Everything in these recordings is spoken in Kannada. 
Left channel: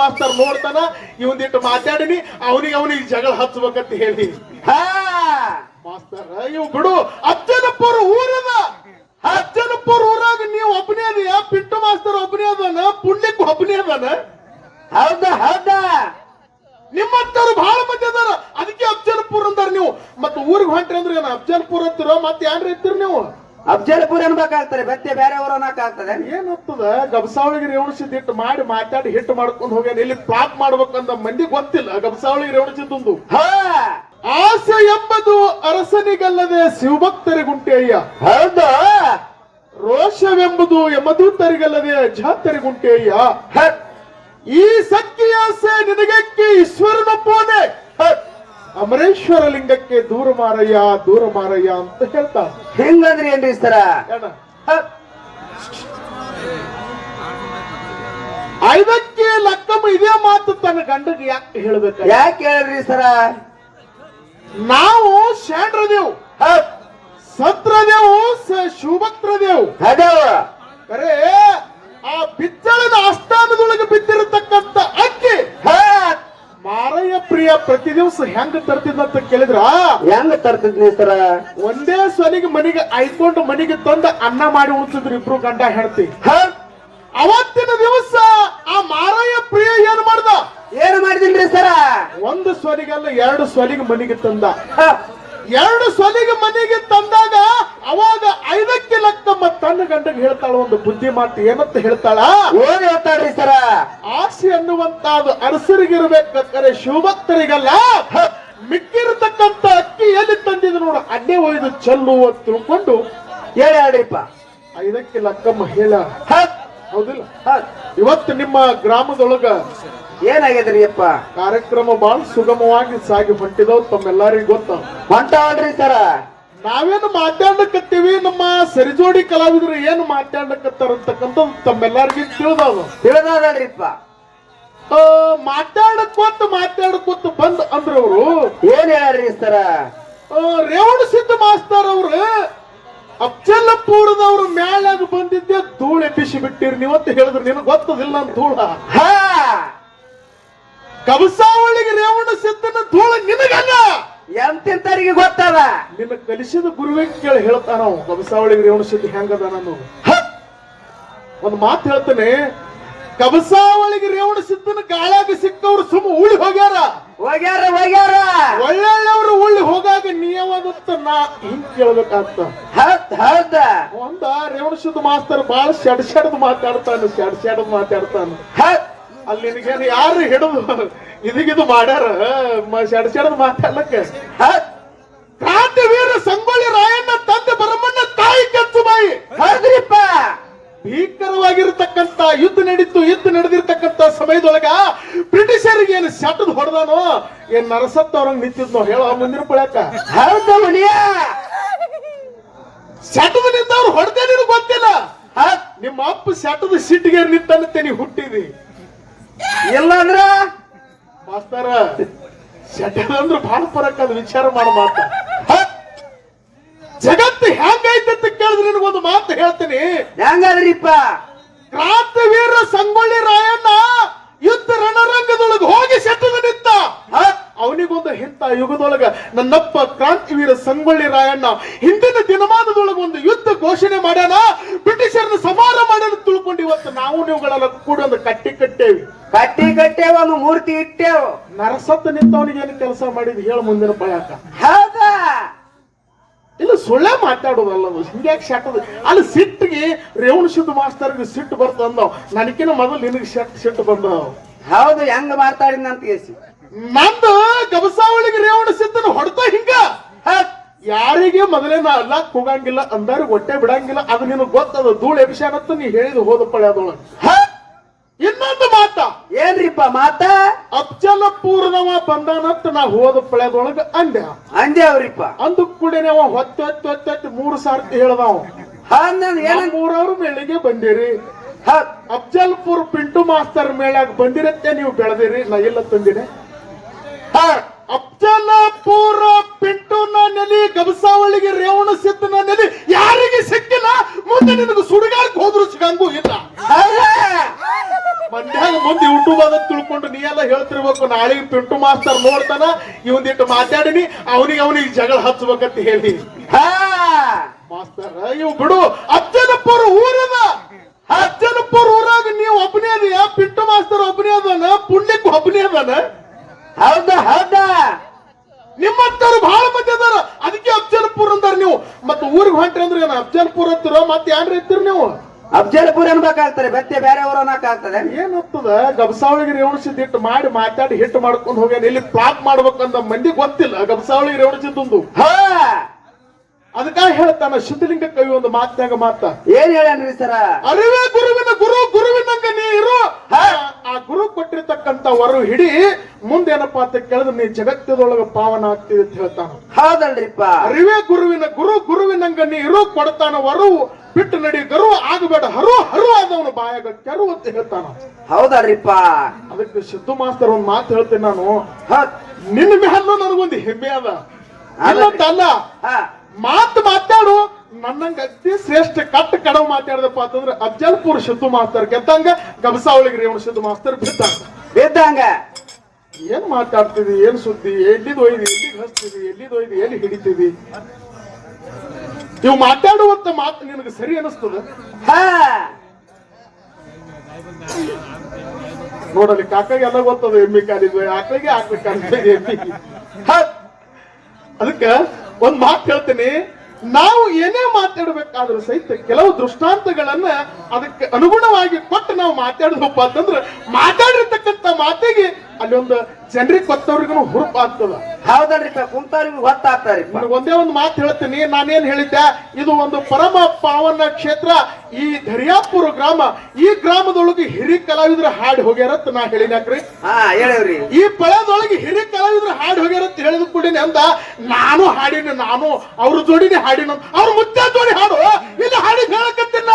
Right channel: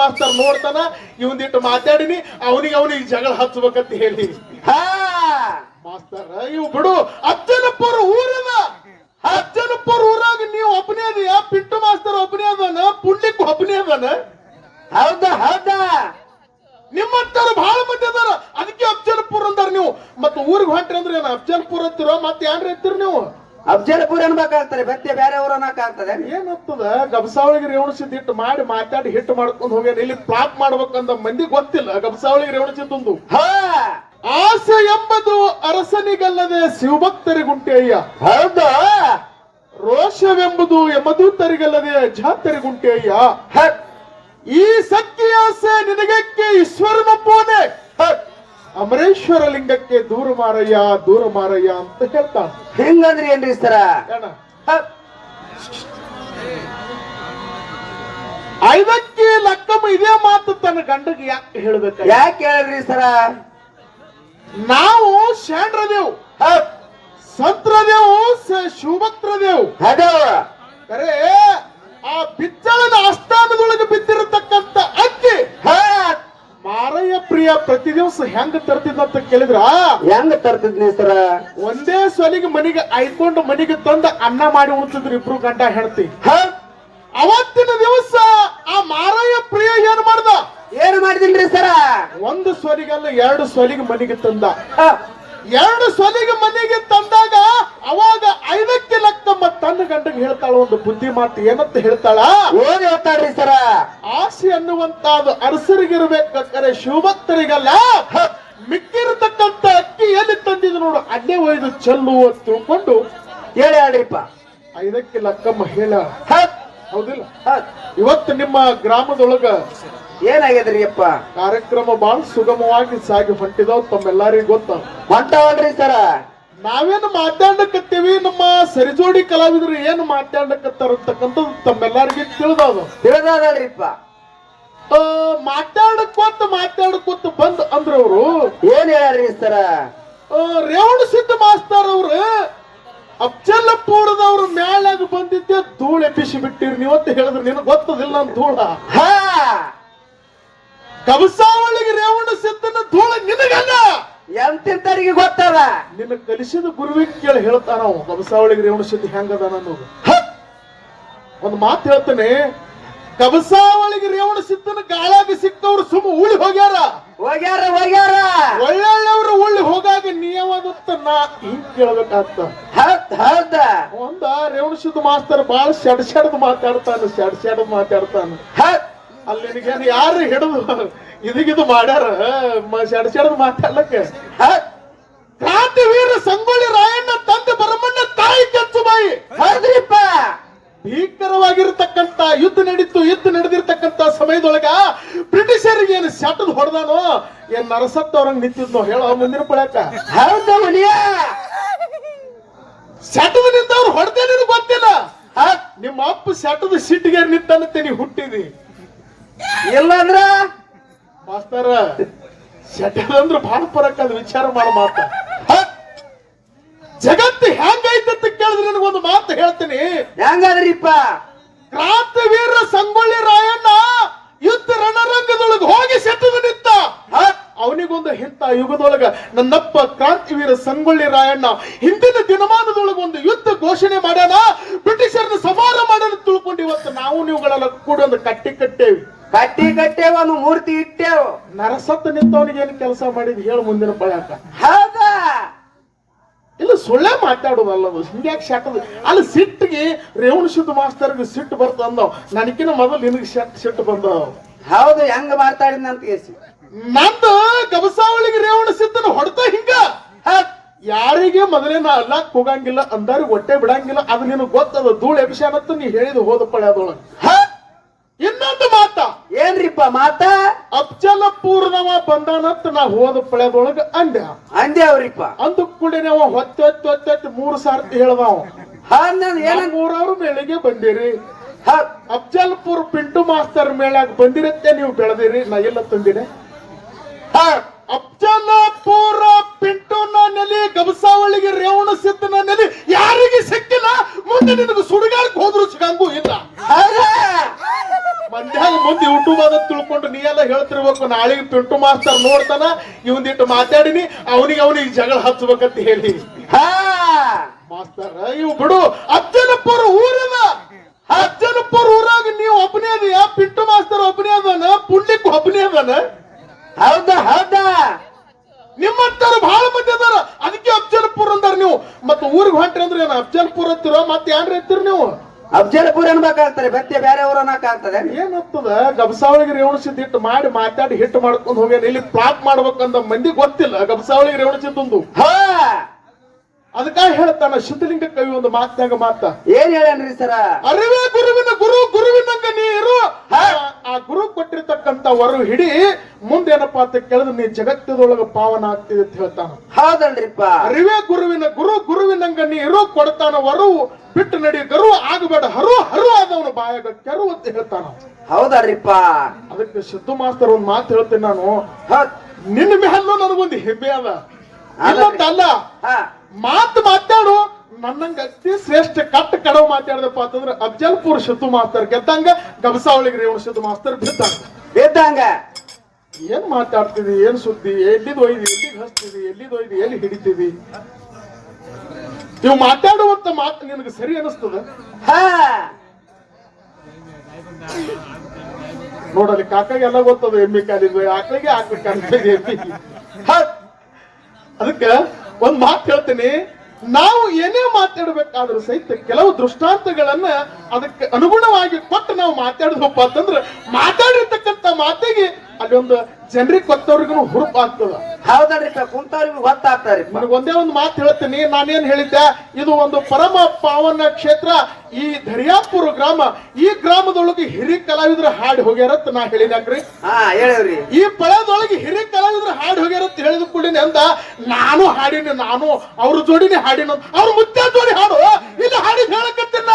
ಮಾಸ್ತರ್ ನೋಡ್ತಾನ ಇವಂದಿಟ್ಟು ಮಾತಾಡಿನಿ ಅವನಿಗೆ ಅವನಿಗೆ ಜಗಳ ಹಚ್ಚಬೇಕಂತ ಹೇಳಿ. ಹಾ. ಮಾಸ್ತರ್ ಇವ್ ಬಿಡು ಅಜ್ಜನಪ್ಪರ ಊರದ ಅಜ್ಜನಪ್ಪರ ಊರಾಗ ನೀವು ಒಬ್ಬನೇ ಅದೀಯ ಪಿಟ್ಟು ಮಾಸ್ತರ್ ಒಬ್ಬನೇ ಅದಾನ ಪುಣ್ಯಕ್ ಒಬ್ಬನೇ ಅದಾನ? ಹೌದಾ ಹೌದಾ. ನಿಮ್ಮಂತವ್ರು ಬಹಳ ಮಂದಿ ಅದಾರ ಅದಕ್ಕೆ ಅಫ್ಜಲ್ಪುರ್ ಅಂತಾರ ನೀವು. ಮತ್ತೆ ಊರಿಗೆ ಹೊಂಟ್ರಿ ಅಂದ್ರೆ ಏನ ಅಫ್ಜಲ್ಪುರ್ ಅಂತೀರ ಮತ್ತೆ ಯಾರು ಇರ್ತೀರಿ ನೀವು? ಅಫ್ಜಲ್ಪುರ್ ಅನ್ಬೇಕಾಗ್ತದೆ ಬ್ಯಾರೆ ಬೇರೆ ಊರು ಅನ್ನಕ್ಕಾಗ್ತದೆ. ಏನಾಗ್ತದ? ಗಬಸಾವಳಿಗೆ ರೇವಣಿಸಿದ್ ಹಿಟ್ಟು ಮಾಡಿ ಮಾತಾಡಿ ಹಿಟ್ಟು ಮಾಡ್ಕೊಂಡು ಹೋಗ್ಯಾನ ಇಲ್ಲಿ ಪ್ಲಾಪ್ ಮಾಡ್ಬೇಕಂತ ಮಂದಿ ಗೊತ್ತಿಲ್ಲ. ಗಬಸಾವಳಿಗೆ ರೇವಣಿಸಿದ್ದು ಹಾ! ಆಸೆ ಎಂಬುದು ಅರಸನಿಗಲ್ಲದೆ ಶಿವಭಕ್ತರಿಗುಂಟೆಯ್ಯ ಹೌದ? ರೋಷವೆಂಬುದು ಯಮದೂತರಿಗಲ್ಲದೆ ಜಾತರಿಗುಂಟೆಯ್ಯ ಹ, ಈ ಸತ್ಯ ಆಸೆ ನಿನಗಕ್ಕೆ ಈಶ್ವರನೊಪ್ಪೋನೆ ಅಮರೇಶ್ವರ ಲಿಂಗಕ್ಕೆ ದೂರ ಮಾರಯ್ಯ ದೂರ ಮಾರಯ್ಯ ಅಂತ ಹೇಳ್ತಾ ಹೆಂಗಂದ್ರೆ ಏನ್ರಿ ಸರ ಐದಕ್ಕೆ ಲಕ್ಕಮ್ಮ ಇದೇ ಮಾತು ತನ್ನ ಗಂಡಗೆ ಯಾಕೆ ಹೇಳ್ಬೇಕು ಯಾಕೆ ಹೇಳ್ರಿ ಸರ ನಾವು ಶಾಂಡ್ರದೇವ್ ಹ, ಸತ್ರದೇವು ಶಿವಭಕ್ತರದೇವು ಅರೆ ಆ ಬಿಚ್ಚಳದ ಆಸ್ಥಾನದೊಳಗೆ ಬಿದ್ದಿರತಕ್ಕಂತ ಅಕ್ಕಿ. ಹ, ಮಾರಯ್ಯ ಪ್ರಿಯ ಪ್ರತಿ ದಿವಸ ಹೆಂಗ್ ತರ್ತಿದ್ದಂತ ಕೇಳಿದ್ರ? ಹೆಂಗ್ ತರ್ತಿದ್ನಿ ಸರ? ಒಂದೇ ಸಲಿಗೆ ಮನೆಗೆ ಐಕೊಂಡು ಮನೆಗೆ ತಂದ ಅನ್ನ ಮಾಡಿ ಉಂಟಿದ್ರು ಇಬ್ರು ಗಂಡ ಹೇಳ್ತಿ ಹ, ಅವತ್ತಿನ ದಿವಸ ಆ ಮಾರಯ್ಯ ಪ್ರಿಯ ಏನ್ ಮಾಡ್ದ? ಏನ್ ಮಾಡಿದಿನ್ರಿ ಸರ? ಒಂದು ಸ್ವಲಿಗಲ್ಲ ಎರಡು ಸ್ವಲಿಗೆ ಮನೆಗೆ ತಂದ. ಹ, ಎರಡು ಸೊಲಿಗೆ ಮನೆಗೆ ತಂದಾಗ ಅವಾಗ ಐದಕ್ಕೆ ಲಕ್ಕಮ್ಮ ತನ್ನ ಗಂಡಗೆ ಹೇಳ್ತಾಳ ಒಂದು ಬುದ್ಧಿ ಮಾತು ಏನಂತ ಹೇಳ್ತಾಳ? ಏನ್ ಹೇಳ್ತಾಳ್ರಿ ಸರ ಆಸೆ ಅನ್ನುವಂತ ಅರಸರಿಗಿರ್ಬೇಕಾದ್ರೆ ಶಿವಭಕ್ತರಿಗಲ್ಲ? ಮಿಕ್ಕಿರತಕ್ಕಂತ ಅಕ್ಕಿ ಎಲ್ಲಿ ತಂದಿದ್ ನೋಡು ಅಡ್ಡೆ ಒಯ್ದು ಚೆಲ್ಲು ಅಂತ ತಿಳ್ಕೊಂಡು ಹೇಳಿ ಆಡಿಪ್ಪ ಐದಕ್ಕೆ ಲಕ್ಕಮ್ಮ ಹೇಳ ಹೌದಿಲ್ಲ ಇವತ್ತು ನಿಮ್ಮ ಗ್ರಾಮದೊಳಗ ಏನಾಗ್ಯದ್ರಿ ಅಪ್ಪ ಕಾರ್ಯಕ್ರಮ ಬಹಳ ಸುಗಮವಾಗಿ ಸಾಗಿ ಹೊಂಟಿದವ್ ತಮ್ಮೆಲ್ಲರಿಗೂ ಗೊತ್ತ. ಮಾತಾಡ್ರಿ ಸರ. ನಾವೇನು ಮಾತಾಡಕತ್ತೀವಿ ನಮ್ಮ ಸರಿಜೋಡಿ ಕಲಾವಿದರು ಏನು ಮಾತಾಡಕತ್ತಾರ ಅಂತಕ್ಕಂಥದ್ದು ತಮ್ಮೆಲ್ಲರಿಗೂ ತಿಳಿದವ ತಿಳಿದ್ರಿಪ್ಪ ಮಾತಾಡಕ್ಕೊತ್ತು ಮಾತಾಡಕೋತ ಬಂದ್ ಅಂದ್ರವ್ರು. ಏನ್ ಹೇಳ್ರಿ ಸರ? ರೇವಣ ಸಿದ್ಧ ಮಾಸ್ತಾರ್ ಅವ್ರು ಅಫ್ಜಲ್ಲಪುರದವ್ರ ಮ್ಯಾಲಾಗ ಬಂದಿದ್ದೆ ಧೂಳೆ ಎಬ್ಬಿಸಿ ಬಿಟ್ಟಿರಿ ನೀವತ್ತು ಹೇಳಿದ್ರು ನಿನಗೆ ಗೊತ್ತದಿಲ್ಲ ಅಂತ ಧೂಳ. ಹಾ. ಕಬಸಾವಳಿಗೆ ರೇವಣ ಸಿದ್ಧನ ಧೂಳ ನಿನಗಲ್ಲ. ಎಂತಿಂತರಿಗೆ ಗೊತ್ತದ? ನಿನ್ನ ಕಲಿಸಿದ ಗುರುವಿಗೆ ಕೇಳಿ ಹೇಳ್ತಾನ ಅವ ಕಬಸಾವಳಿಗೆ ರೇವಣ ಸಿದ್ಧ ಹೆಂಗದ ಅನ್ನೋದು! ಒಂದ್ ಮಾತು ಹೇಳ್ತೇನೆ. ಕಬಸಾವಳಿಗೆ ರೇವಣ ಸಿದ್ಧನ ಗಾಳಾಗ ಸಿಕ್ಕವ್ರು ಸುಮ್ಮ ಉಳಿ ಹೋಗ್ಯಾರ. ಹೋಗ್ಯಾರ ಹೋಗ್ಯಾರ. ಒಳ್ಳೆಯವರು ಉಳ್ಳಿ ಹೋಗಾಗ ನಿಯಮದತ್ತ ನಾ ಹಿಂಗ್ ಕೇಳ್ಬೇಕಾಗ್ತ. ಹೌದ್ ಒಂದ ರೇವಣ ಸಿದ್ಧ ಮಾಸ್ತರ್ ಬಾಳ ಶೆಡ್ ಶೆಡ್ದು ಮಾತಾಡ್ತಾನ ಶೆಡ್ ಶೆಡ್ದು ಮಾತಾಡ್ತಾನ. ಅಲ್ಲಿ ನಿನಗೇನು ಯಾರು ಹಿಡಿದು? ಇದಿಗಿದು ಮಾಡ್ಯಾರ? ಶೆಡ್ ಶೆಡ್ ಶೆಡ್ದು ಮಾತಾಡ್ಲಕ್ಕೆ? ಕ್ರಾಂತಿ ವೀರ ಸಂಗೊಳ್ಳಿ ರಾಯಣ್ಣ ತಂದೆ ಬರಮಣ್ಣ ತಾಯಿ ಕೆಂಚು ಬಾಯಿ ಹೌದ್ರಿಪ್ಪ. ಭೀಕರವಾಗಿರ್ತಕ್ಕಂತ ಯುದ್ಧ ನಡೀತು ಯುದ್ಧ ನಡೆದಿರ್ತಕ್ಕಂತ ಸಮಯದೊಳಗ ಬ್ರಿಟಿಷರಿಗೆ ಏನು ಸೆಟದ್ ಹೊಡೆದಾನೋ? ಏನ್ ನರಸತ್ತ ಅವ್ರಂಗ್ ನಿಂತಿದ್ನೋ? ಹೇಳ ಮುಂದಿನ ಕೊಳಕ ಸೆಟದ ನಿಂತ ಅವ್ರು ಹೊಡೆದೇನೇನು ಗೊತ್ತಿಲ್ಲ? ನಿಮ್ಮ ಅಪ್ಪ ಸೆಟದ ಸಿಟ್ಟಿಗೆ ನಿಂತಂತೆ ನೀ ಹುಟ್ಟಿದಿ. ಇಲ್ಲಂದ್ರ ಮಾಸ್ತರ ಸೆಟದ ಅಂದ್ರೆ ಭಾಳ ಪರಕ್ ಅದು ವಿಚಾರ ಮಾಡ ಮಾತು? ಜಗತ್ತು ನಿನಗೊಂದು ಮಾತು ಹೇಳ್ತೀನಿ. ಹೆಂಗಾದ್ರಿಪ್ಪ? ಕ್ರಾಂತಿವೀರ ಸಂಗೊಳ್ಳಿ ರಾಯಣ್ಣ ಯುದ್ಧ ರಣರಂಗದೊಳಗೆ ಹೋಗಿ ಸೆಟ್ಟದ ನಿಂತ ಅವನಿಗೊಂದು ಇಂಥ ಯುಗದೊಳಗ ನನ್ನಪ್ಪ ಕ್ರಾಂತಿವೀರ ಸಂಗೊಳ್ಳಿ ರಾಯಣ್ಣ ಹಿಂದಿನ ದಿನಮಾನದೊಳಗ ಒಂದು ಯುದ್ಧ ಘೋಷಣೆ ಮಾಡ್ಯಾನ ಬ್ರಿಟಿಷರನ್ನ ಸಮಾರ ಮಾಡ್ಯಾನ ತಿಳ್ಕೊಂಡು ಇವತ್ತು ನಾವು ನೀವುಗಳೆಲ್ಲ ಕೂಡ ಒಂದು ಕಟ್ಟಿ ಕಟ್ಟೇವಿ. ಕಟ್ಟಿ ಕಟ್ಟೇವ ಒಂದು ಮೂರ್ತಿ ಇಟ್ಟೇವು. ನರಸತ್ತ ನಿಂತವನಿಗೆ ಏನು ಕೆಲಸ ಮಾಡಿದ್ ಹೇಳು ಮುಂದಿನ ಪ್ರಯಾಣ ಹೌದಾ? ಇಲ್ಲ ಸುಳ್ಳೇ ಮಾತಾಡೋದಲ್ಲ ಅದು ಹಿಂಗ್ಯಾಕೆ ಶಾಟದ ಅಲ್ಲಿ ಸಿಟ್ಟಿಗೆ ರೇವಣ ಸಿದ್ಧ ಮಾಸ್ತರ್ಗೆ ಸಿಟ್ಟು ಬರ್ತಂದವ ನನಗಿನ ಮೊದಲು ನಿನಗೆ ಸಿಟ್ಟು ಸಿಟ್ಟು ಬಂದವ ಹೌದು ಹೆಂಗ ಮಾತಾಡಿದಂತ ಕೇಸಿ ನಂದು ಗಬಸಾವಳಿಗೆ ರೇವಣ ಸಿದ್ದನ ಹೊಡ್ತ ಹಿಂಗ. ಯಾರಿಗೆ ಮೊದಲೇ ನಾ ಅಲ್ಲ ಹೋಗಂಗಿಲ್ಲ ಅಂದಾರು ಹೊಟ್ಟೆ ಬಿಡಂಗಿಲ್ಲ ಅದು ನಿನಗೆ ಗೊತ್ತದ ಧೂಳು ಮತ್ತು ನೀ ಹೇಳಿದ ಹೋದ ಪಳೆ ಅದೊಳ ಇನ್ನೊಂದು ಮಾತ. ಏನ್ರಿಪ್ಪ ಮಾತ? ಅಫ್ಜಲಪೂರ್ಣವ ಬಂದಾನತ್ ನಾ ಹೋದ ಪಳೆದೊಳಗ ಅಂದೆ. ಅಂದೇವ್ರಿಪ್ಪ ಅಂದು ಕುಡಿನವ ಹೊತ್ತೆ ಹೊತ್ತೆ ಮೂರು ಸಾರ್ತಿ ಹೇಳ್ದವ. ಏನ ಮೂರವ್ರು ಬೆಳಿಗ್ಗೆ ಬಂದಿರಿ. ಅಫ್ಜಲ್ಪುರ್ ಪಿಂಟು ಮಾಸ್ತರ್ ಮೇಳಾಗ ಬಂದಿರತ್ತೆ ನೀವು ಬೆಳೆದಿರಿ ನಾ ಎಲ್ಲ ತಂದಿನಿ. ಅಫ್ಜಲಪುರ ಪಿಂಟು ನೆಲಿ ಗಬಸಾವಳಿಗೆ ರೇವಣ ಸಿದ್ದನ ನೆಲಿ ಯಾರಿಗೆ ಸಿಕ್ಕಿಲ್ಲ? ಮುಂದೆ ನಿನಗೆ ಸುಡುಗಾಡ್ ಹೋದ್ರು ಸಿಗಂಗೂ ಇಲ್ಲ. ಮುಂದೆ ಯೂಟ್ಯೂಬ್ ಅದ ತಿಳ್ಕೊಂಡು ನೀ ಎಲ್ಲ ಹೇಳ್ತಿರ್ಬೇಕು ನಾಳೆ ಪಿಂಟು ಮಾಸ್ತರ್ ನೋಡ್ತಾನ ಇವಂದಿಟ್ಟು ಮಾತಾಡಿನಿ ಅವನಿಗೆ ಅವನಿಗೆ ಜಗಳ ಹಚ್ಬೇಕಂತ ಹೇಳಿ. ಹಾ. ಮಾಸ್ತರ್ ಇವ್ ಬಿಡು ಅಜ್ಜನಪ್ಪರ ಊರದ ಅಜ್ಜನಪ್ಪರ ಊರಾಗ ನೀವು ಒಬ್ಬನೇ ಅದ ಪಿಂಟು ಮಾಸ್ತರ್ ಒಬ್ಬನೇ ಅದಾನ ಪುಣ್ಯಕ್ ಒಬ್ಬನೇ ಅದಾನ ಹೌದಾ ಹೌದಾ? ನಿಮ್ಮಂತವ್ರು ಬಹಳ ಮಂದಿ ಅದಾರ ಅದಕ್ಕೆ ಅಫ್ಜಲ್ಪುರ್ ಅಂದಾರ ನೀವು. ಮತ್ತೆ ಊರಿಗೆ ಹೊಂಟ್ರಿ ಅಂದ್ರೆ ಏನು ಅಫ್ಜಲ್ಪುರ್ ಅಂತೀರ ಮತ್ತೆ ಏನ್ರ ಇರ್ತೀರಿ ನೀವು? ಅಫ್ಜಲ್ಪುರ್ ಅನ್ಬೇಕಾಗ್ತಾರೆ ಬೆತ್ತೆ ಬೇರೆ ಊರ ಅನ್ನಕಾಗ್ತದೆ ಏನಪ್ಪದ ಗಬಸಾವಳಿಗೆ ರೇವಣಿಸಿದ ಹಿಟ್ಟು ಮಾಡಿ ಮಾತಾಡಿ ಹಿಟ್ ಮಾಡ್ಕೊಂಡು ಹೋಗ್ಯಾನ ಇಲ್ಲಿ ಪ್ಲಾಪ್ ಮಾಡ್ಬೇಕಂತ ಮಂದಿ ಗೊತ್ತಿಲ್ಲ. ಗಬಸಾವಳಿಗೆ ರೇವಣಿಸಿದ್ದು ಹಾ! ಅದಕ್ಕಾಗಿ ಹೇಳ್ತಾನ ಸಿದ್ಧಲಿಂಗ ಕವಿ ಒಂದು ಮಾತ್ನಾಗ ಮಾತ ಏನ್ ಹೇಳಿ ಸರ? ಅರಿವೇ ಗುರುವಿನ ಗುರು ಗುರುವಿನಂಗ ನೀ ಇರು. ಆ ಗುರು ಕೊಟ್ಟಿರ್ತಕ್ಕಂತ ವರ ಹಿಡಿ ಮುಂದೇನಪ್ಪಾ ಅಂತ ಕೇಳಿದ್ರೆ ನೀ ಜಗತ್ತದೊಳಗ ಪಾವನ ಆಗ್ತೀವಿ ಅಂತ ಹೇಳ್ತಾನ. ಹೌದಲ್ರಿಪ್ಪ. ಅರಿವೇ ಗುರುವಿನ ಗುರು ಗುರುವಿನಂಗ ನೀ ಇರು ಕೊಡ್ತಾನ ವರು ಬಿಟ್ಟು ನಡಿ ಗರು ಆಗಬೇಡ ಹರು ಹರು ಆದವನು ಬಾಯಾಗ ಕೆರು ಅಂತ ಹೇಳ್ತಾನ. ಹೌದಲ್ರಿಪ್ಪ. ಅದಕ್ಕೆ ಸಿದ್ದು ಮಾಸ್ತರ್ ಒಂದ್ ಮಾತು ಹೇಳ್ತೀನಿ ನಾನು. ನಿನ್ನ ಮೆಹಲ್ಲು ನನಗೊಂದು ಹೆಮ್ಮೆ ಅದ. ಅಲ್ಲ ಮಾತು ಮಾತಾಡು. ನನ್ನಂಗ ಅತಿ ಶ್ರೇಷ್ಠ ಕಟ್ಟ ಕಡವ ಮಾತಾಡದಪ್ಪ ಅಂತಂದ್ರೆ ಅಫ್ಜಲ್ಪುರ್ ಶತು ಮಾಸ್ತರ್ ಗೆದ್ದಂಗ ಗಬಸಾವಳಿಗೆ ರೇವಣ ಶತು ಮಾಸ್ತರ್ ಬಿದ್ದ ಗೆದ್ದಂಗ? ಏನ್ ಮಾತಾಡ್ತೀವಿ ಏನ್ ಸುದ್ದಿ? ಎಲ್ಲಿ ಒಯ್ದಿ? ಎಲ್ಲಿ ಹಸ್ತೀವಿ ಎಲ್ಲಿ ಒಯ್ದಿ? ಎಲ್ಲಿ ಹಿಡಿತೀವಿ ನೀವು ಮಾತಾಡುವಂತ ಮಾತು ನಿನಗೆ ಸರಿ ಅನಿಸ್ತದ? ಹಾ. ನೋಡಲಿ ಕಾಕಾಗೆ ಎಲ್ಲ ಗೊತ್ತದ ಎಮ್ಮಿ ಕಾಲಿಗೆ ಆಕಳಿಗೆ ಆಕಳ ಕಾಲಿಗೆ. ಅದಕ್ಕೆ ಒಂದ್ ಮಾತು ಹೇಳ್ತೀನಿ. ನಾವು ಏನೇ ಮಾತಾಡ್ಬೇಕಾದ್ರೂ ಸಹಿತ ಕೆಲವು ದೃಷ್ಟಾಂತಗಳನ್ನ ಅದಕ್ಕೆ ಅನುಗುಣವಾಗಿ ಕೊಟ್ಟು ನಾವು ಮಾತಾಡಿದ್ವಪ್ಪ ಅಂತಂದ್ರೆ ಮಾತಾಡಿರ್ತಕ್ಕಂಥ ಮಾತಿಗೆ ಅಲ್ಲಿ ಒಂದು ಜನರಿಗೆ ಗೊತ್ತವ್ರಿಗೂ ಹುರುಪ್ ಆಗ್ತದ. ಸರ್ ಕುಂತವ್ರಿಗೆ ಗೊತ್ತಾಗ್ತಾರೆ ನನಗೆ ಒಂದೇ ಒಂದು ಮಾತು ಹೇಳ್ತೀನಿ. ನಾನೇನ್ ಹೇಳಿದ್ದೆ? ಇದು ಒಂದು ಪರಮ ಪಾವನ ಕ್ಷೇತ್ರ. ಈ ದರ್ಯಾಪುರ ಗ್ರಾಮ ಈ ಗ್ರಾಮದೊಳಗೆ ಹಿರಿ ಕಲಾವಿದ್ರ ಹಾಡಿ ಹೋಗ್ಯಾರತ್ ನಾ ಹೇಳಿದ್ರಿ ಈ ಪಳದೊಳಗೆ ಹಿರಿ ಕಲಾವಿದ್ರ ಹಾಡಿ ಹೋಗ್ಯಾರತ್ ಹೇಳಿದ ಕೂಡಿನಿ ಅಂದ ನಾನು ಹಾಡಿನ ನಾನು ಅವ್ರ ಜೋಡಿನೇ ಹಾಡಿನ ಅವ್ರ ಮುದ್ದೆ ಜೋಡಿ ಹಾಡು ಇಲ್ಲ ಹಾಡಿ ಹೇಳಕತ್ತಿಲ್ಲ.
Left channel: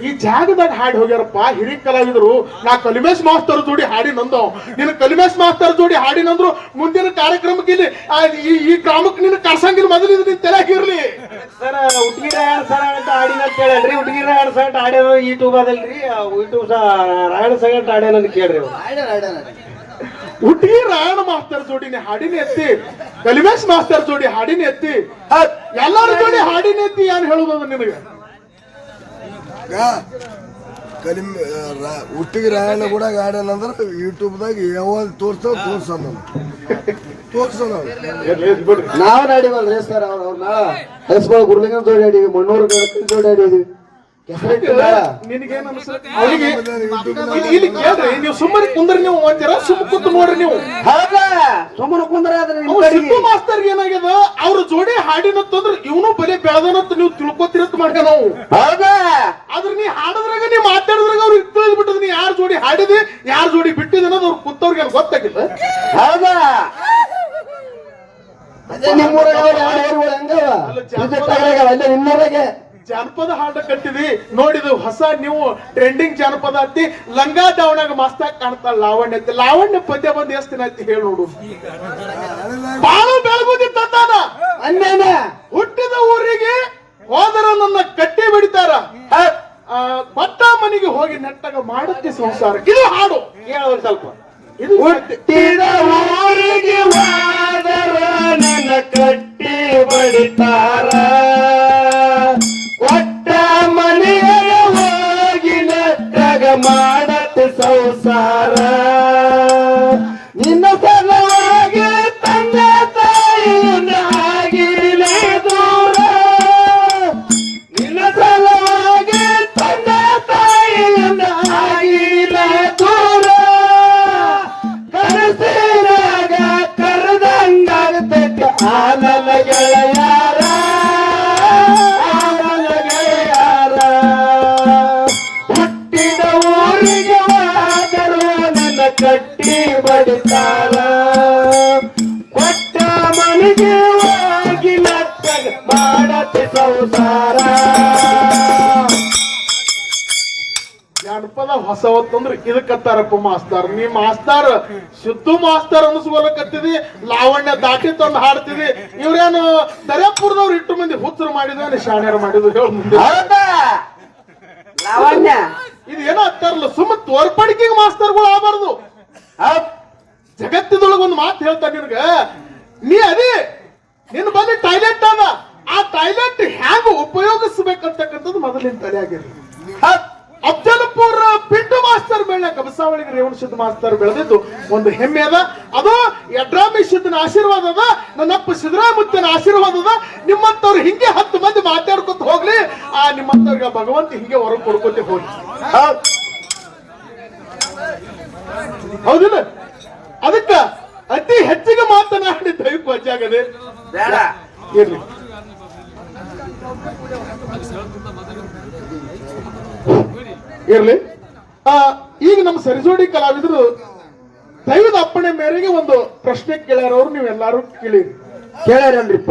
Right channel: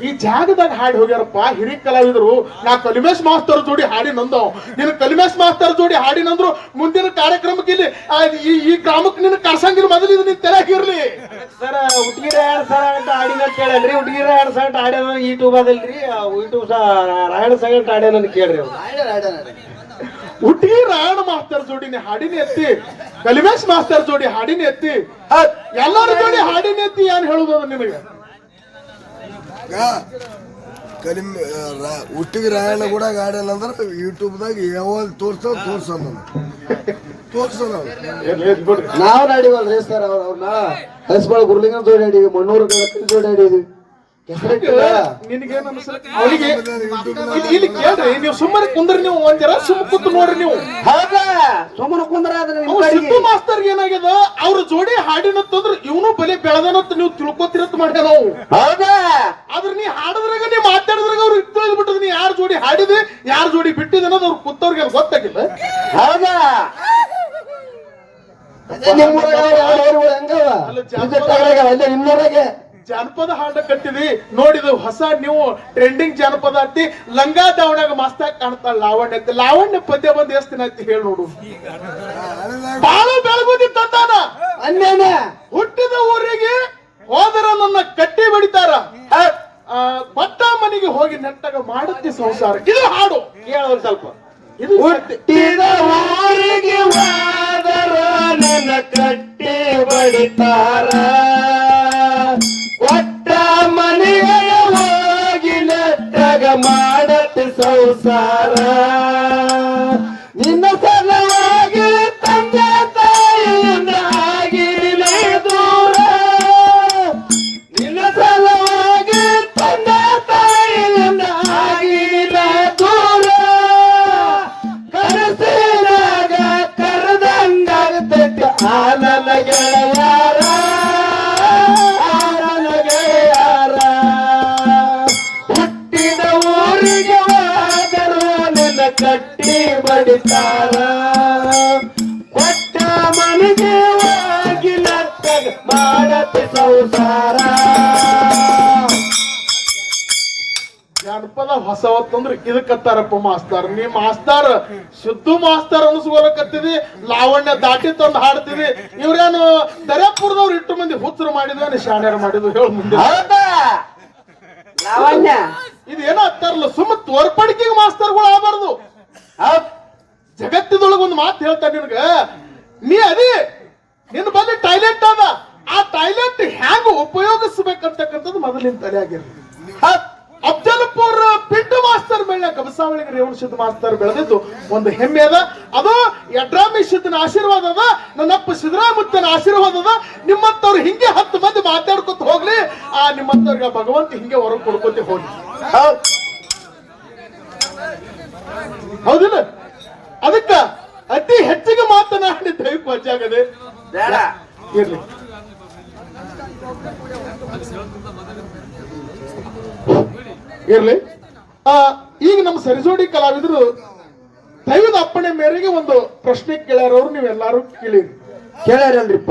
ಈ ಜಾಗದಾಗ ಹಾಡಿ ಹೋಗ್ಯಾರಪ್ಪ ಹಿರಿ ಕಲಾವಿದರು ನಾ ಕಲಿಮೇಶ್ ಮಾಸ್ತರ್ ಜೋಡಿ ಹಾಡಿ ನಂದವ್. ನಿನ್ನ ಕಲಿಮೇಶ್ ಮಾಸ್ತರ್ ಜೋಡಿ ಹಾಡಿ ನಂದ್ರು ಮುಂದಿನ ಕಾರ್ಯಕ್ರಮಕ್ಕೆ ಇಲ್ಲಿ ಆ, ಈ ಈ ಗ್ರಾಮಕ್ಕೆ ನಿನ್ನ ಕರ್ಸಂಗಿನ ಮೊದಲು ಇದು ನಿನ್ ತಲೆಗಿರ್ಲಿ ಸರ್ ಹುಡುಗಿರ ಎರಡ್ ಸಾವಿರ ಅಂತ ಆಡಿನ ಅಂತ ಕೇಳಲ್ರಿ ಹುಡುಗಿರ ಎರಡ್ ಸಾವಿರ ಆಡ್ಯಾನ ಯೂಟ್ಯೂಬ್ ಅದಲ್ರಿ ಯೂಟ್ಯೂಬ್ ರಾಯಣ ಸಾವಿರ ಆಡ್ಯಾನ ಅಂತ ಕೇಳ್ರಿ ಹುಟ್ಟಿಗೆ ರಾಯಣ ಮಾಸ್ತರ್ ಜೋಡಿನ ಹಾಡಿನ ಎತ್ತಿ ಕಲಿಮೇಶ್ ಮಾಸ್ತರ್ ಜೋಡಿ ಹಾಡಿನ ಎತ್ತಿ ಎಲ್ಲರ ಜೋಡಿ ಹಾಡಿನ ಎತ್ತಿ ಏನ್ ಹೇಳುದವ ನಿನಗೆ? ಕಲಿಮ್ ಹುಟ್ಟಿಗೆ ರಾಯಣ್ಣ ಕೂಡ ಗಾರ್ಡನ್ ಯೂಟ್ಯೂಬ್ದಾಗ ಯಾವಾಗ ತೋರ್ಸೋ ತೋರ್ಸೋಣ ತೋರ್ಸೋಣ ನಾವು. ನಾಡಿವಲ್ಲ ಸರ್ ಅವ್ರ ಅವ್ರನ್ನ ಹೆಸ್ಗಳು ಗುರುಲಿಂಗನ ಜೋಡಿ ಆಡಿವಿ ಮಣ್ಣೂರು ಜೋಡಿ ಆಡಿವಿ ನೀವು ಸುಮ್ಮನೆ ಕುಂದ್ರಿ ನೀವು ಒಂದ್ ಜರ ಸುಮ್ಮ ಕೂತು ನೋಡ್ರಿ ನೀವು. ಸುಮ್ಮನೆ ಕುಂದ್ರ ಸಿದ್ದು ಮಾಸ್ತರ್ ಏನಾಗ್ಯದ ಅವ್ರ ಜೋಡಿ ಹಾಡಿನತ್ತಂದ್ರ ಇವನು ಬಲಿ ಬೆಳೆದನಂತ ನೀವು ತಿಳ್ಕೊತಿರತ್ ಮಾಡ್ಯ ನಾವು. ಆದ್ರೆ ನೀ ಹಾಡದ್ರಾಗ ನೀ ಮಾತಾಡಿದ್ರಾಗ ಅವ್ರಿಗೆ ತಿಳಿದ್ ಬಿಟ್ಟದ್ ನೀ ಯಾರ ಜೋಡಿ ಹಾಡಿದ್ರಿ ಯಾರ ಜೋಡಿ ಬಿಟ್ಟಿದ್ದ ಅವ್ರ ಕುತ್ತವ್ರಿಗೆ ಗೊತ್ತಾಗಿಲ್ಲ. ಹೌದಾ? ನಿಮ್ಮೂರಾಗೆ. ಜಾನಪದ ಹಾಡ ಕಟ್ಟಿದಿ ನೋಡಿದ್ವಿ ಹೊಸ ನೀವು ಟ್ರೆಂಡಿಂಗ್ ಜಾನಪದ ಅತ್ತಿ ಲಂಗಾ ದಾವಣಾಗ ಮಸ್ತಾಗಿ ಕಾಣ್ತಾಳ ಲಾವಣ್ಯ ಅಂತ ಲಾವಣ್ಯ ಪದ್ಯ ಬಂದ್ ಎಷ್ಟಿನ ಐತಿ ಹೇಳಿ ನೋಡು. ಬಾಳ ಬೆಳಗುದಿ ಅನ್ಯಾನ ಹುಟ್ಟಿದ ಊರಿಗೆ ಹೋದರ ನನ್ನ ಕಟ್ಟಿ ಬಿಡ್ತಾರ. ಭತ್ತ ಮನೆಗೆ ಹೋಗಿ ನೆಟ್ಟಾಗ ಮಾಡುತ್ತೆ ಸಂಸಾರ. ಇದು ಹಾಡು. ಕೇಳ ಸ್ವಲ್ಪ. ಇದು ಹುಟ್ಟಿದ ಊರಿಗೆ ನನ್ನ ಕಟ್ಟಿ ಬಡಿತಾರ. ಮಾಡತ್ತೆ ಸಂಸಾರ ಜಾನಪದ ಹೊಸ ಹೊತ್ತಂದ್ರೆ ಇದಕ್ಕತ್ತಾರಪ್ಪ ಮಾಸ್ತಾರ್. ನೀ ಮಾಸ್ತಾರ್ ಸಿದ್ದು ಮಾಸ್ತಾರ್ ಅನ್ಸ್ಕೊಳಕತ್ತಿದಿ ಲಾವಣ್ಯ ದಾಟಿ ತಂದು ಹಾಡ್ತಿದಿ. ಇವ್ರೇನು ದರ್ಯಾಪುರದವ್ರು ಇಟ್ಟು ಮಂದಿ ಹುಚ್ಚರು ಮಾಡಿದ್ವಿ ಶಾಣ್ಯರು ಮಾಡಿದ್ವಿ ಹೇಳ ಮುಂದೆ. ಲಾವಣ್ಯ. ಇದು ಏನೋ ಅಂತಾರಲ್ಲ ಸುಮ್ಮ ತೋರ್ಪಡಿಕೆಗೆ ಮಾಸ್ತರ್ಗಳು ಆಗಬಾರ್ದು. ಜಗತ್ತಿನೊಳಗ ಒಂದು ಮಾತು ಹೇಳ್ತಾ ನಿನಗ? ನೀ ಅದಿ ನಿನ್ನ ಬಲ್ಲಿ ಟಾಯ್ಲೆಟ್ ಅದ. ಆ ಟಾಯ್ಲೆಟ್ ಹ್ಯಾಂಗ ಉಪಯೋಗಿಸ್ಬೇಕಂತಕ್ಕಂಥದ್ದು ಮೊದಲಿನ ತಲೆ ಆಗಿರ್ಲಿ ಅಫ್ಜಲ್ಪುರ ಪಿಂಡು ಮಾಸ್ತರ್ ಮೇಲೆ ಕಬಸಾವಳಿಗೆ ರೇವಣ ಸಿದ್ಧ ಮಾಸ್ತರ್ ಬೆಳೆದಿದ್ದು ಒಂದು ಹೆಮ್ಮೆ ಅದ. ಅದು ಯಡ್ರಾಮಿ ಸಿದ್ಧನ ಆಶೀರ್ವಾದ ಅದ ನನ್ನಪ್ಪ ಸಿದ್ದರಾಮುತ್ತನ ಆಶೀರ್ವಾದ ಅದ. ನಿಮ್ಮಂತವ್ರು ಹಿಂಗೆ ಹತ್ತು ಮಂದಿ ಮಾತಾಡ್ಕೊತ ಹೋಗ್ಲಿ. ಆ ನಿಮ್ಮಂತವ್ರಿಗೆ ಭಗವಂತ ಹಿಂಗೆ ಹೊರಗೆ ಕೊಡ್ಕೊತಿ ಹೋಗಿ ಹೌದ್ ಹೌದಿಲ್ಲ ಅದಕ್ಕ ಅತಿ ಹೆಚ್ಚಿಗೆ ಮಾತನಾಡಿ ದೈವ ವಜ್ಜಾಗದೆ ಬೇಡ ಇರ್ಲಿ. ಈಗ ನಮ್ಮ ಸರಿಜೋಡಿ ಕಲಾವಿದರು ದೈವದ ಅಪ್ಪಣೆ ಮೇರೆಗೆ ಒಂದು ಪ್ರಶ್ನೆ ಕೇಳ್ಯಾರವ್ರು ನೀವೆಲ್ಲಾರು ಕೇಳಿರಿ ಕೇಳ್ಯಾರಲ್ರಿಪ್ಪ.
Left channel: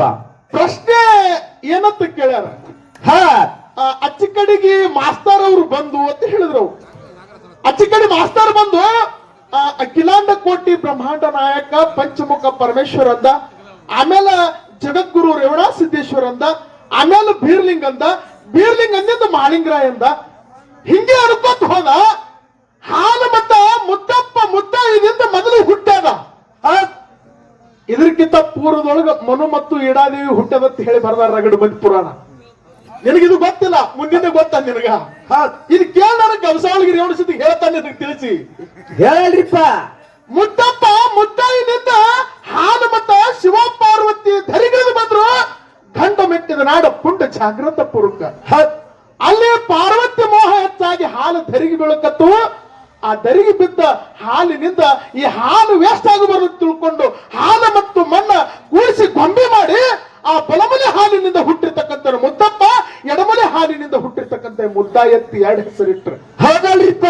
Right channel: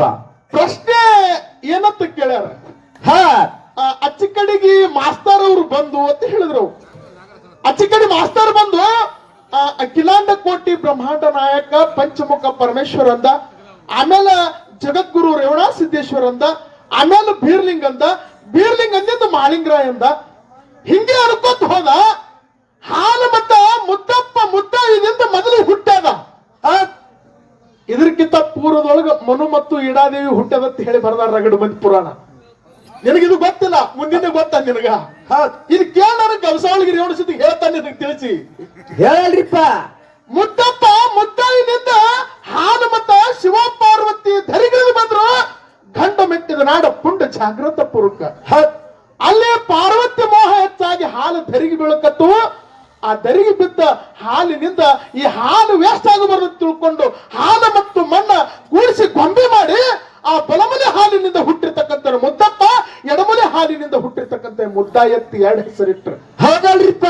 ಪ್ರಶ್ನೆ ಏನಂತ ಕೇಳ್ಯಾರ? ಹಾ. ಆ, ಅಚ್ಚಿ ಕಡೆಗೆ ಮಾಸ್ತರ್ ಅವರು ಬಂದು ಅಂತ ಹೇಳಿದ್ರು ಅಚ್ಚಿಕಡಿ ಅಚ್ಚಿ ಕಡೆ ಮಾಸ್ತರ್ ಬಂದು ಅಖಿಲಾಂಡ ಕೋಟಿ ಬ್ರಹ್ಮಾಂಡ ನಾಯಕ ಪಂಚಮುಖ ಪರಮೇಶ್ವರ ಅಂದ ಆಮೇಲೆ ಜಗದ್ಗುರು ರೇವಣ ಸಿದ್ದೇಶ್ವರ ಅಂದ ಆಮೇಲೆ ಬೀರ್ಲಿಂಗ್ ಅಂದ ಬೀರ್ಲಿಂಗ್ ಅಂದಿಂದ ಮಾಳಿಂಗರಾಯ ಅಂದ ಹಿಂಗೆ ಅನ್ಕೋತ ಹೋದ ಹಾಲು ಮತ್ತ ಮುತ್ತಪ್ಪ ಮುತ್ತ ಇದರಿಂದ ಮೊದಲು ಹುಟ್ಟದ. ಇದಕ್ಕಿಂತ ಪೂರ್ವದೊಳಗ ಮನು ಮತ್ತು ಇಡಾದೇವಿ ಹುಟ್ಟದಂತ ಹೇಳಿ ಬರ್ದಾರ ರಗಡ ಮಂದಿ ಪುರಾಣ. ನಿನಗಿದು ಗೊತ್ತಿಲ್ಲ ಮುಂದಿನ ಗೊತ್ತ ನಿನಗ. ಇದು ಕೇಳ ನನಗೆ ಗವಸಾವಳಿಗೆ ರೇವಣ ಸತಿ ಹೇಳ್ತಾನೆ ನಿನಗೆ ತಿಳಿಸಿ. ಹೇಳ್ರಿಪ್ಪ. ಮುತ್ತಪ್ಪ ಮುತ್ತಾಯಿನಿಂದ ಹಾಲು ಶಿವ ಪಾರ್ವತಿ ಧರಿಗಿಳಿದು ಬಂದ್ರು. ಗಂಡ ಮೆಟ್ಟಿದ ನಾಡ ಪುಂಡ ಜಾಗೃತ ಪುರುಕ ಅಲ್ಲಿ ಪಾರ್ವತಿ ಮೋಹ ಹೆಚ್ಚಾಗಿ ಹಾಲು ಧರಿಗೆ ಬೀಳಕತ್ತು ಆ ಧರಿಗೆ ಬಿದ್ದ ಹಾಲಿನಿಂದ ಈ ಹಾಲು ವೇಸ್ಟ್ ಆಗಬಾರದು ತಿಳ್ಕೊಂಡು ಹಾಲು ಮತ್ತು ಮಣ್ಣ ಕೂಡಿಸಿ ಗೊಂಬೆ ಮಾಡಿ ಆ ಬಲಮಲೆ ಹಾಲಿನಿಂದ ಹುಟ್ಟಿರ್ತಕ್ಕಂಥ ಮುದ್ದಪ್ಪ ಎಡಮಲೆ ಹಾಲಿನಿಂದ ಹುಟ್ಟಿರ್ತಕ್ಕಂಥ ಮುದ್ದ ಎತ್ತಿ ಎರಡು ಹೆಸರಿಟ್ರು. ಹೌದಲ್ರಿಪ್ಪ.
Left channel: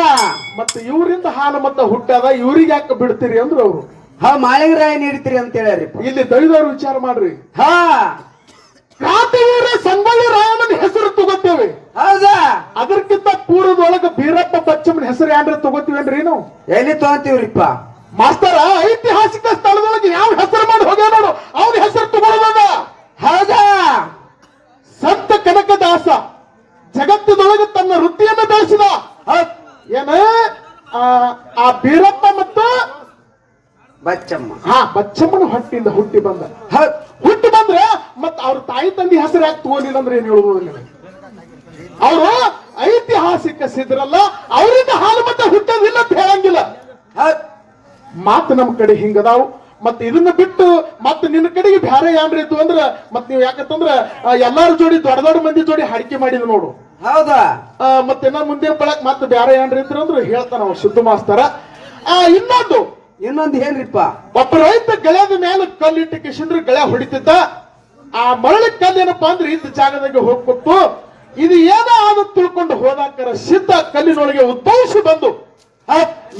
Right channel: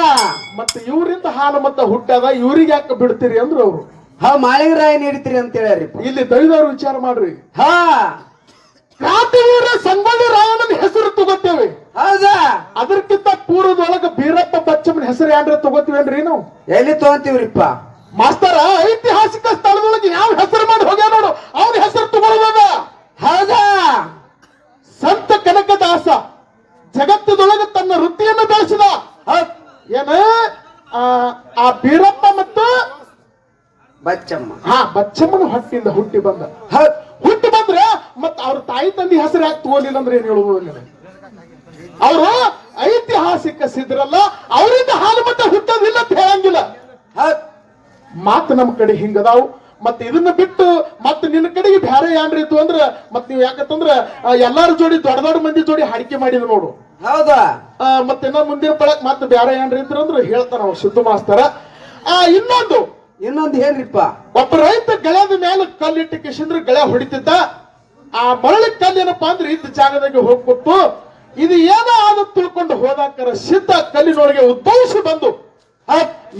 ಮತ್ತೆ ಇವರಿಂದ ಹಾಲು ಮತ್ತ ಹುಟ್ಟಾದ ಇವರಿಗೆ ಯಾಕೆ ಬಿಡ್ತೀರಿ ಅಂದ್ರು ಅವರು. ಹಾ ಮಾಳಿಗರಾಯ ನೀಡ್ತೀರಿ ಅಂತ ಹೇಳ್ರಿ ಇಲ್ಲಿ ದೈವದವ್ರು ವಿಚಾರ ಮಾಡ್ರಿ. ಹಾ. ಕ್ರಾಂತಿವೀರ ಸಂಗೊಳ್ಳಿ ರಾಯಣ್ಣನ ಹೆಸರು ತಗೋತೇವೆ. ಹೌದಾ? ಅದಕ್ಕಿಂತ ಪೂರ್ವದೊಳಗ ಬೀರಪ್ಪ ಬಚ್ಚಮ್ಮನ ಹೆಸರು ಯಾನ್ರ ತಗೋತೀವೇನ್ರಿ ನಾವು? ಎಲ್ಲಿ ತಗೋತೀವ್ರಿಪ್ಪ? ಮಾಸ್ತರ ಐತಿಹಾಸಿಕ ಸ್ಥಳದೊಳಗೆ ಯಾವ ಹೆಸರು ಮಾಡಿ ಹೋಗ್ಯಾನ ನೋಡು. ಅವನ ಹೆಸರು ತಗೊಳ್ಬೋದ ಹೌದಾ? ಸಂತ ಕನಕದಾಸ ಜಗತ್ತದೊಳಗೆ ತನ್ನ ವೃತ್ತಿಯನ್ನು ಬೆಳೆಸಿದ. ಏನ? ಆ, ಬೀರಪ್ಪ ಬಚ್ಚಮ್ಮ. ಹಾ ಬಚ್ಚಮ್ಮನ ಹೊಟ್ಟಿಂದ ಹುಟ್ಟಿ ಬಂದ. ಹುಟ್ಟಿ ಬಂದ್ರೆ ಮತ್ತೆ ಅವ್ರ ತಾಯಿ ತಂದೆ ಹೆಸರು ಯಾಕೆ ತೋಲಿಲ್ಲ ಅಂದ್ರೆ ಏನ್ ಹೇಳುದು ಅವರು ಐತಿಹಾಸಿಕ ಸಿದ್ರಲ್ಲ ಅವರಿಂದ ಹಾಲು ಮತ್ತೆ ಹುಟ್ಟೋದಿಲ್ಲ ಅಂತ ಹೇಳಂಗಿಲ್ಲ. ಮಾತು ನಮ್ಮ ಕಡೆ ಹಿಂಗದಾವ್. ಮತ್ತೆ ಇದನ್ನ ಬಿಟ್ಟು ಮತ್ತೆ ನಿನ್ನ ಕಡೆಗೆ ಬ್ಯಾರೆ ಏನ್ರಿ ಇತ್ತು ಅಂದ್ರೆ ಮತ್ ನೀವು ಯಾಕಂತಂದ್ರ ಎಲ್ಲಾರು ಜೋಡಿ ದೊಡ್ಡ ದೊಡ್ಡ ಮಂದಿ ಜೋಡಿ ಹಡಿಕೆ ಮಾಡಿದ್ ನೋಡು. ಹೌದಾ? ಮತ್ತೆ ಮುಂದಿನ ಬಳಕ್ ಮತ್ತೆ ಬ್ಯಾರೆ ಏನ್ರಿ ಇದ್ರ ಅಂದ್ರೆ ಹೇಳ್ತಾನ ಅವ್ರು ಸಿದ್ದು ಮಾಸ್ತರ. ಆ ಇನ್ನೊಂದು ಇನ್ನೊಂದು ಏನ್ರಿಪ್ಪ ಒಬ್ಬ ರೈತ ಗೆಳೆಯದ ಮೇಲೆ ಕಲ್ಲಿಟ್ಟು ಕಿಶಂದ್ರ ಗೆಳೆ ಹೊಡಿತಿದ್ದ ಆ ಮರಳಿ ಕಲ್ಲು ಏನಪ್ಪಾ ಅಂದ್ರೆ ಇದ್ದ ಜಾಗದಾಗೆ ಹೋಗ್ಬಿಟ್ಟು ಇದು ಏನೋ ಆದ ತಿಳ್ಕೊಂಡು ಹೋದಾಕರ ಸಿದ್ಧ ಕಲ್ಲಿನೊಳಗೆ ಉದ್ಭವಿಸಿ ಬಂದು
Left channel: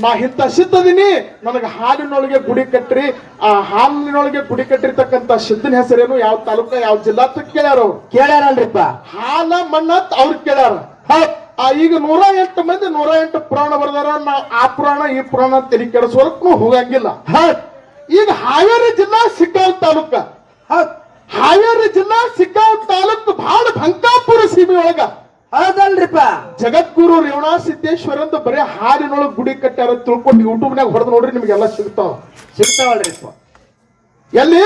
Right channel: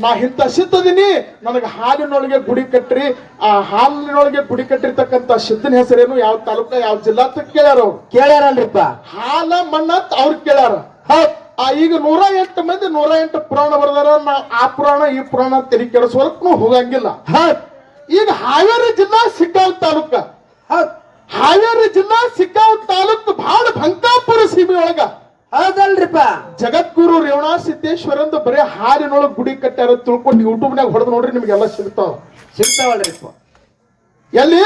ನಾ ಇಂಥ ಸಿದ್ಧದಿನಿ ನನಗೆ ಹಾಲಿನೊಳಗೆ ಗುಡಿ ಕಟ್ಟ್ರಿ ಆ ಹಾಲಿನೊಳಗೆ ಗುಡಿ ಕಟ್ಟಿರ್ತಕ್ಕಂಥ ಸಿದ್ಧನ ಹೆಸರೇನು ಯಾವ ತಾಲೂಕ ಯಾವ ಜಿಲ್ಲಾ ಕೇಳ್ಯಾರ ಕೇಳ್ಯಾರಲ್ರಿಪ್ಪ. ಹಾಲ ಮಣ್ಣ ಅವ್ರು ಕೇಳ್ಯಾರ. ಹೌದ್. ಆ ಈಗ ನೂರ ಎಂಟು ಮಂದಿ ನೂರ ಎಂಟು ಪುರಾಣ ಬರ್ದಾರ. ನಾ ಆ ಪುರಾಣ ಈ ಪುರಾಣ ತೆರಿ ಕೆಡಿಸೋದಕ್ಕೂ ಹೋಗಂಗಿಲ್ಲ. ಈಗ ಹಾವೇರಿ ಜಿಲ್ಲಾ ಸಿಕ್ಕಾವ್ ತಾಲೂಕ. ಹಾವೇರಿ ಜಿಲ್ಲಾ ಸಿಕ್ಕಾವ್ ತಾಲೂಕ್ ಬಹಳ ಭಂಕಾಪುರ ಸೀಮೆ ಒಳಗ. ಹೌದಲ್ರಿಪ್ಪ. ಜಗದ್ಗುರು ರೇವಣಾ ಸಿದ್ದೇಶ್ವರ ಅಂತ ಬರೀ ಹಾಲಿನೊಳಗೆ ಗುಡಿ ಕಟ್ಟಾರ ತಿಳ್ಕೊಂಡು ಯೂಟ್ಯೂಬ್ನಾಗ ಹೊಡೆದು ನೋಡ್ರಿ ನಿಮ್ಗೆಲ್ಲ ಸಿಗ್ತಾವ. ಸಿಗ್ತಾವಲ್ರಿಪ್ಪ. ಎಲ್ಲಿ?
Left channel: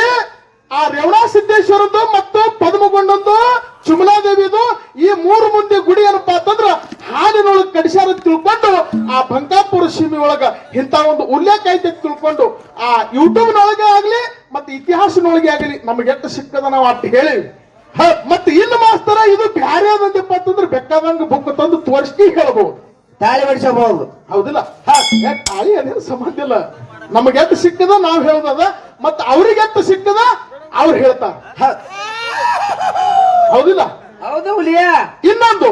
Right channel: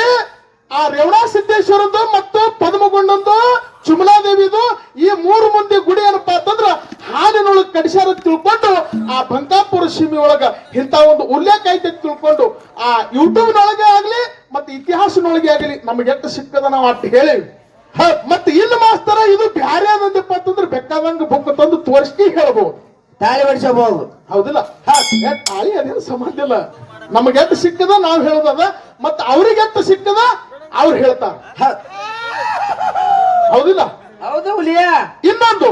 ಆ ರೇವಣಾ ಸಿದ್ದೇಶ್ವರದ್ದು ಮತ್ತು ಪದ್ಮಗೊಂಡಂದು ಚುಮಲಾದೇವಿದು ಈ ಮೂರು ಮಂದಿ ಗುಡಿ ಏನಪ್ಪಾ ಅಂತಂದ್ರ ಹಾಲಿನೊಳಗೆ ಕಡಿಸ್ಯಾರ ತಿಳ್ಕೊಂಡು ಆ ಬಂಕಾಪುರ ಸೀಮೆ ಒಳಗ ಇಂತ ಒಂದು ಉಲ್ಲೇಖ ಐತೆ ತಿಳ್ಕೊಂಡು ಆ ಯೂಟ್ಯೂಬ್ನೊಳಗೆ ಆಗ್ಲಿ ಮತ್ತೆ ಇತಿಹಾಸನೊಳಗೆ ಆಗಲಿ ನಮ್ಗೆ ಎಷ್ಟು ಸಿಕ್ಕದ ನಾವು ಅಟ್ಟು ಹೇಳಿ. ಹ, ಮತ್ತೆ ಇಲ್ಲಿ ಮಾಸ್ತರ ಇದು ಬ್ಯಾರೆ ಅದಂದಪ್ಪ ಅಂತಂದ್ರೆ ಬೆಕ್ಕದಂಗ ಬುಕ್ ತಂದು ತೋರಿಸಿ ಹೇಳ್ಬೋದು. ತಾಳಿ ಬಡಿಸಬಹುದು ಹೌದಿಲ್ಲ? ತಾಳಿ ಅದೇನು ಸಂಬಂಧ ಇಲ್ಲ. ನಮಗೆ ಎಷ್ಟು ಸಿಕ್ಕದ ನಾವು ಹೇಳೋದದ ಮತ್ತೆ ಅವ್ರಿಗೆ ಎಷ್ಟು ಸಿಕ್ಕದ ಅವ್ರು ಹೇಳ್ತಾರ. ಹೌದಿಲ್ಲ? ಹೌದು ಹುಲಿಯ. ಇನ್ನೊಂದು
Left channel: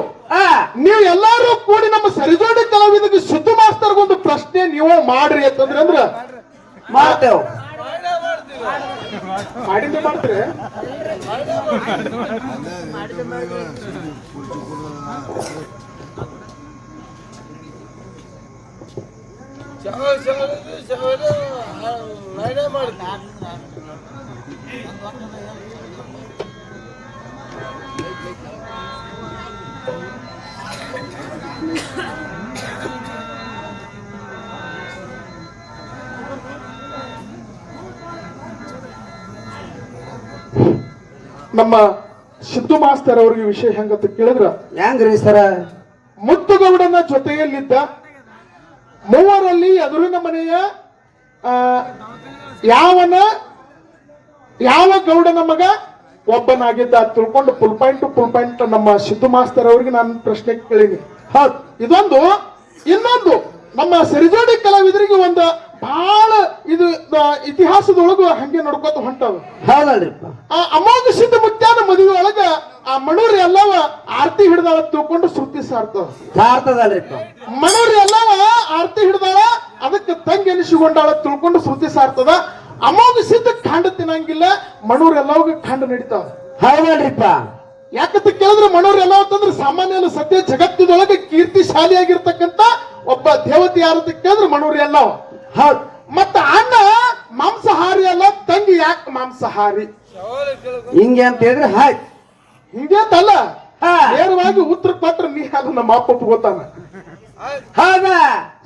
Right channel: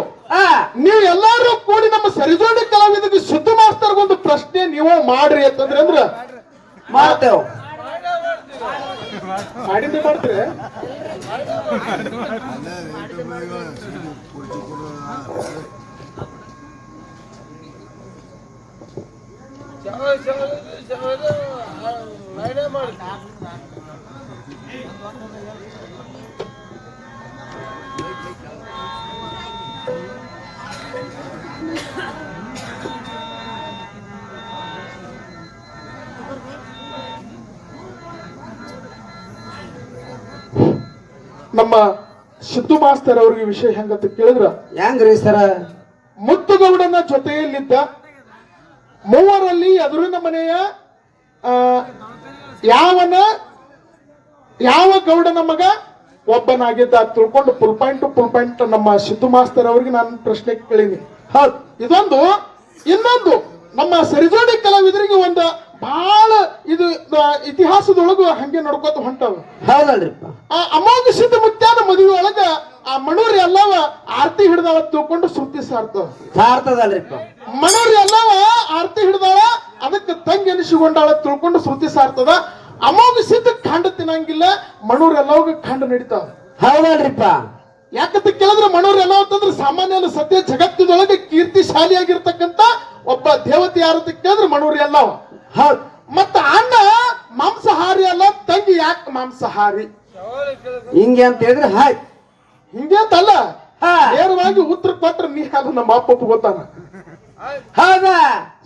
ನೀವು ಎಲ್ಲರೂ ಕೂಡಿ ನಮ್ಮ ಸರಿಜೋಡಿ ಕಲಾವಿದರಿಗೆ ಸಿದ್ದು ಮಾಸ್ತರ್ಗೊಂದು ಪ್ರಶ್ನೆ ನೀವು ಮಾಡ್ರಿ ಅಂತಂದ್ರೆ ಅಂದ್ರ ಮಾಡ್ತೇವ್. ಮಾಡ್ತೀರಿ? ಪೂರ್ತಿ ನಮ್ಮ ಸಿದ್ದು ಮಾಸ್ತರ್ ಅವ್ರಿಗೆ ವಿಷಯ ಹೆಂಗಂತ ಕೇಳಿದ್ರ? ಹೆಂಗ್ರಿ ಸರ? ಮುತ್ತುಗೌಡನ ಜೊತೆಯಲ್ಲಿದ್ದ ಮೂವರಲ್ಲಿ ಎದುರಿನ ಮನೆಯ ಯಾವನ ಯಾವ ಗೌಡನ ಮಗ? ಒಬ್ಬನಾಗಿದ್ದ ತಿಳ್ಕೊಂಡು ಫುಲ್ ಪಾಯಿಂಟ್ ಫುಲ್ ಪಾಯಿಂಟ್ ನಮ್ಮ ಸಿದ್ದು ಮಾಸ್ತರ್ ಅವ್ರಿಗೆ ನಾನು ಪ್ರಶ್ನೆ ಕೇಳೀನಿ. ಹೌದು ಇದೊಂದು. ಇನ್ನೊಂದು ನಮ್ಮ ಸಿರಿಜೋಡಿ ಕಲಾವಿದರಿಗೆ ಒಂದು ಬಹಳ ಇದು ಇತಿಹಾಸದೊಳಗು ಹಂಗೆ ನಡ್ಕೋತ ಹೊಂಟವ. ಆ ಅಮೋಘ ಸಿದ್ಧ ಮುತ್ಯಾನ ಮದುವೆ ಒಳಗ ಆ ಮಣೂರಿ ಎಲ್ಲವ ಆರತಿ ಹಿಡ್ದಾಳ ತಿಳ್ಕೊಂಡು ಶ್ರುತಿ ಸಾರ್ತವ ಮಣೂರಿ ಎಲ್ಲವ ಆರತಿ ಹಿಡ್ದಾಳ ಅದಕ್ಕೆ ತಂಗಿ ಎನಿಸಿಕೊಂಡಾಳ ತಿಳ್ಕೊಂಡು ಶ್ರುತಿ ಸಾರ್ತದ ಅಮೋಘ ಸಿದ್ಧ ಖಂಡ ತಿನ್ನಂಗಿಲ್ಲ ಮಣೂರ್ ಎಲ್ಲವಾಗ ಕಂಡು ನಡೀತಾವ ಹೌದಲ್ರಿಪ್ಪ. ಯಾಕಂತ ಕೇಳಿದ್ರೆ ಮಣೂರ್ ಎಲ್ಲ ಅಂತಂದ್ರೆ ಸಾಮಾನ್ಯ ಸದ್ಯ ಜಗತ್ತಿನೊಳಗೆ ಕೀರ್ತಿಶಾಲಿಯಾಗಿರ್ತಕ್ಕಂತ ಒಬ್ಬ ದೇವತೆ ಯಾರು ಅಂತ ಕೇಳಿದ್ರೆ ಮಣೂರ್ ಎಲ್ಲವ. ಹೌದು. ಮತ್ತ ಅಣ್ಣ ಮಾಂಸಹಾರಿ ಅಲ್ಲ ತಂಗಿ ಯಾಕೆ ಮಾಂಸಹಾರಿ? ಹಿಂಗೆ ಅಂತ ಹೇಳಿದ್ರೆ ಹಾಯ್. ಹಿಂಗೆ ಅಂತಲ್ಲ. ನೇರವಾಗಿ ಉತ್ತರ ಕೊಟ್ರೆ ನೀ ಅದು ನಮ್ಮ ಅಪ್ಪ ಗೊತ್ತಾನ. ಹೌದಾ?